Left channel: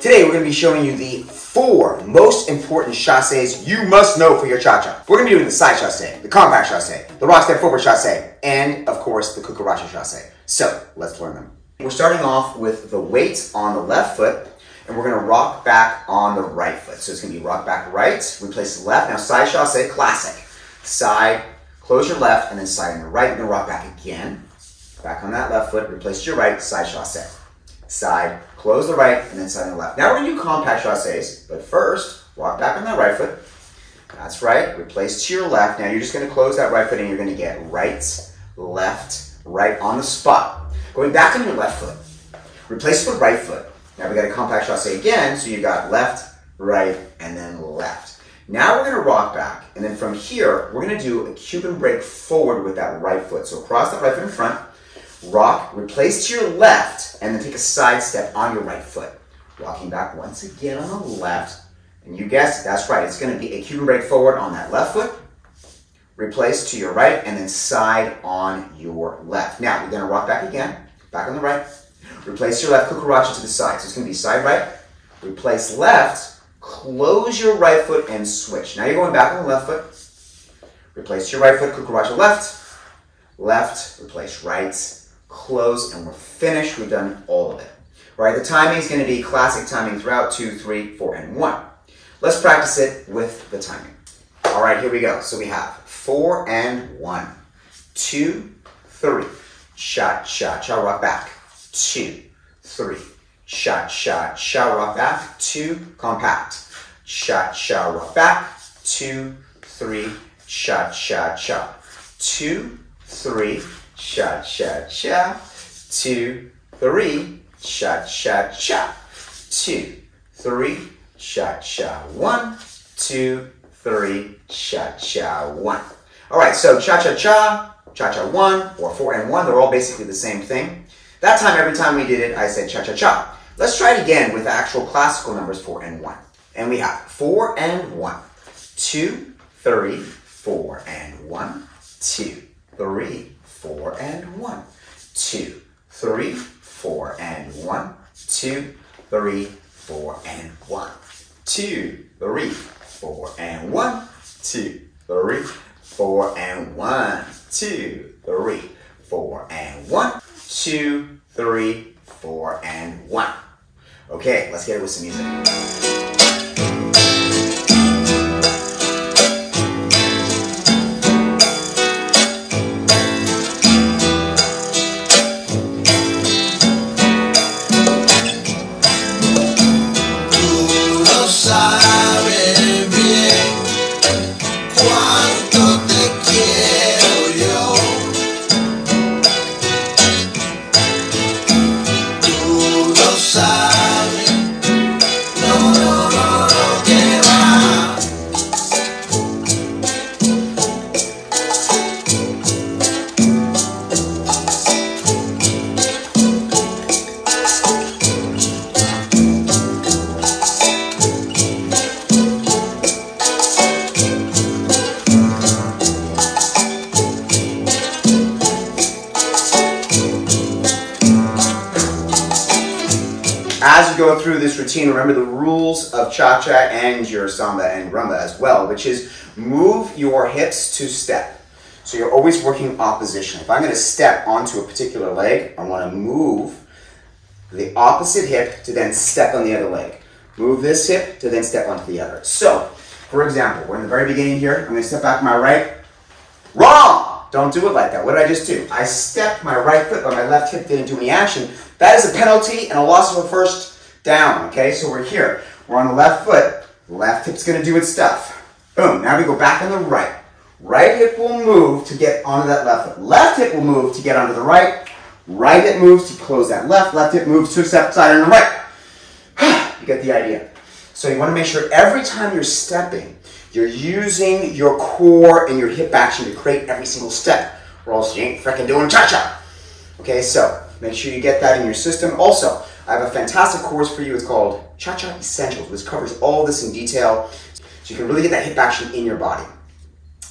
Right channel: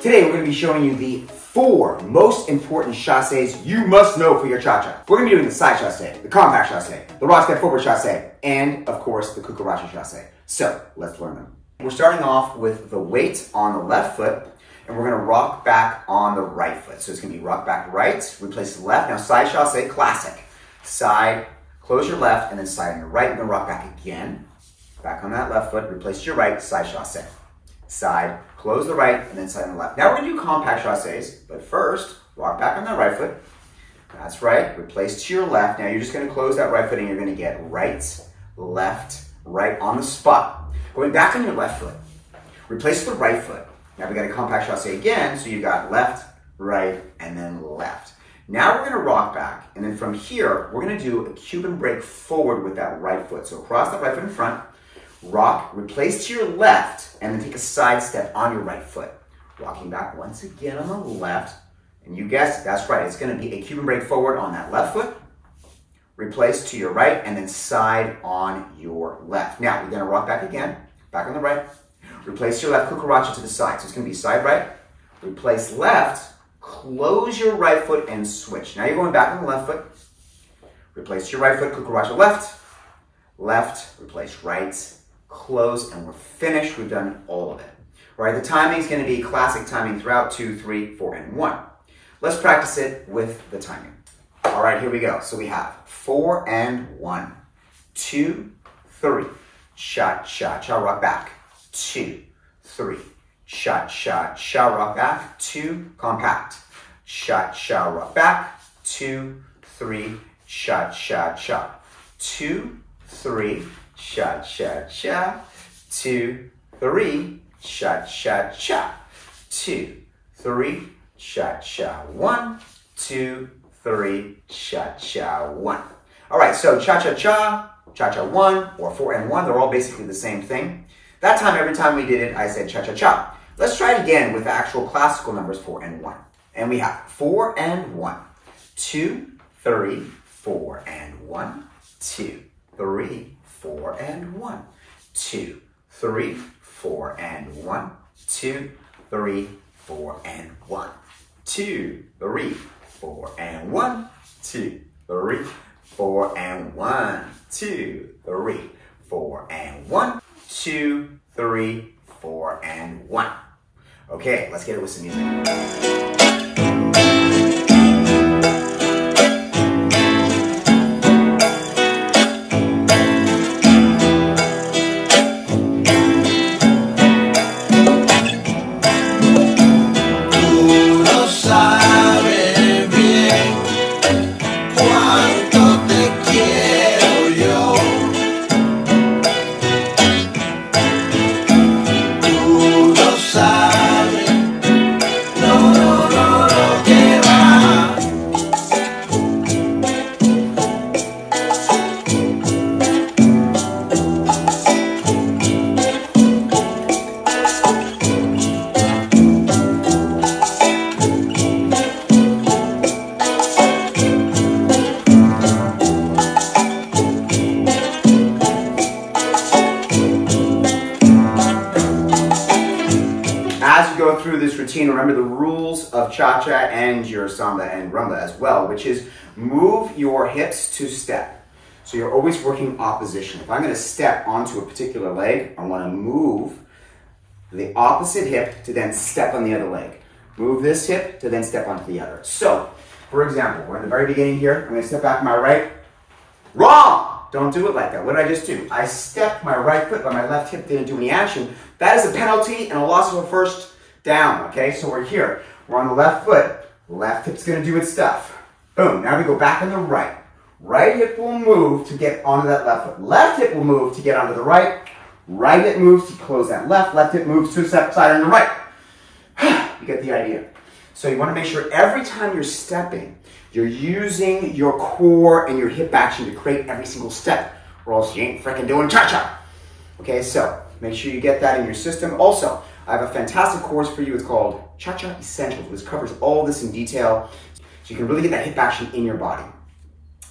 Today we're going to be showing you the 4 most important chasses you must know for your cha-cha. We're going to be doing the side chasse, the compact chasse, the rock step forward chasse, and of course the Cucaracha chasse. So let's learn them. We're starting off with the weight on the left foot, and we're going to rock back on the right foot. So it's going to be rock back right, replace left. Now side chasse, classic. Side, close your left, and then side on your right. We're going to rock back again. Back on that left foot, replace your right, side chasse. Side, close the right, and then side on the left. Now we're going to do compact chasses, but first, rock back on that right foot. That's right, replace to your left. Now you're just going to close that right foot and you're going to get right, left, right on the spot. Going back on your left foot, replace the right foot. Now we got a compact chasse again, so you got left, right, and then left. Now we're going to rock back, and then from here, we're going to do a Cuban break forward with that right foot. So cross that right foot in front, rock, replace to your left, and then take a side step on your right foot. Rocking back once again on the left, and you guessed it, that's right, it's going to be a Cuban break forward on that left foot, replace to your right, and then side on your left. Now, we're going to rock back again, back on the right, replace your left Cucaracha to the side. So it's going to be side right, replace left, close your right foot, and switch. Now you're going back on the left foot, replace your right foot, Cucaracha left, left, replace right, close, and we're finished. We've done all of it. All right, the timing is going to be classic timing throughout 2, 3, 4, and 1. Let's practice it with the timing. All right, here we go. So we have 4 and 1, 2, 3, cha, cha, cha, rock back, 2, 3, cha, cha, cha, rock back, 2, compact, cha, cha, rock back, 2, 3, cha, cha, cha, 2, 3, cha, cha, cha, 2, 3, cha, cha, cha, 2, 3, cha, cha, 1, 2, 3, cha, cha, 1. All right, so cha, cha, cha, cha, cha, 1, or 4 and 1, they're all basically the same thing. That time, every time we did it, I said cha, cha, cha. Let's try it again with actual classical numbers 4 and 1. And we have 4 and 1, 2, 3, 4 and 1, 2, 3, 4 and 1, 2, 3, 4 and 1, 2, 3, 4 and 1, 2, 3, 4 and 1, 2, 3, 4 and 1, 2, 3, 4 and 1, 2, 3, 4 and 1. Okay, let's get it with some music. As you go through this routine, remember the rules of cha-cha and your samba and rumba as well, which is move your hips to step. So you're always working oppositionally. If I'm going to step onto a particular leg, I want to move the opposite hip to then step on the other leg. Move this hip to then step onto the other. So, for example, we're in the very beginning here. I'm going to step back my right. Wrong! Don't do it like that. What did I just do? I stepped my right foot, but my left hip didn't do any action. That is a penalty and a loss of a first down, okay? So we're here. We're on the left foot. Left hip's going to do its stuff. Boom. Now we go back on the right. Right hip will move to get onto that left foot. Left hip will move to get onto the right. Right hip moves to close that left. Left hip moves to a step side on the right. You get the idea. So you want to make sure every time you're stepping, you're using your core and your hip action to create every single step, or else you ain't freaking doing cha-cha. Okay, so make sure you get that in your system. Also, I have a fantastic course for you. It's called Cha-Cha Essentials, which covers all this in detail, so you can really get that hip action in your body.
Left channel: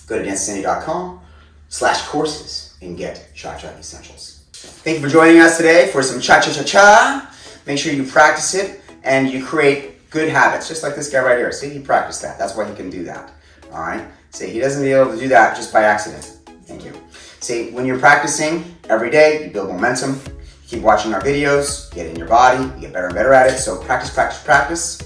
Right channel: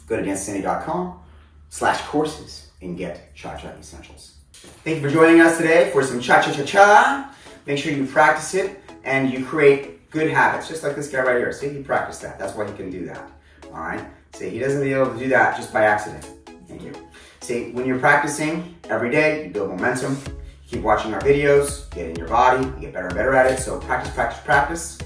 Go to dancesandy.com/courses and get Cha-Cha Essentials. Thank you for joining us today for some cha-cha-cha-cha. Make sure you practice it and you create good habits, just like this guy right here. See, he practiced that. That's why he can do that. All right. See, he doesn't be able to do that just by accident. Thank you. See, when you're practicing every day, you build momentum. You keep watching our videos, get in your body, you get better and better at it. So practice, practice, practice.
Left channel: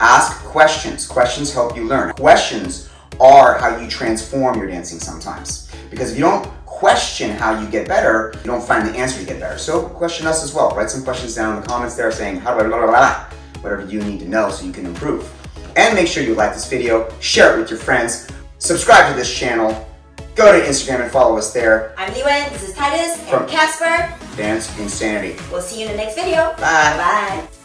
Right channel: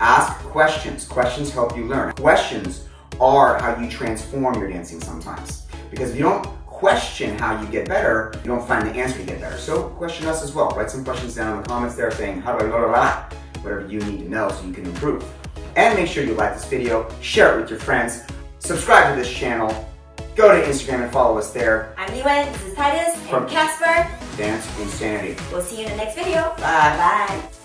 Ask questions. Questions help you learn. Questions are how you transform your dancing sometimes. Because if you don't question how you get better, you don't find the answer to get better. So question us as well. Write some questions down in the comments there saying, how do I blah, blah, blah, whatever you need to know so you can improve. And make sure you like this video, share it with your friends, subscribe to this channel, go to Instagram and follow us there. I'm Liwen, this is Titus, and Casper. Dance Insanity. We'll see you in the next video. Bye. Bye.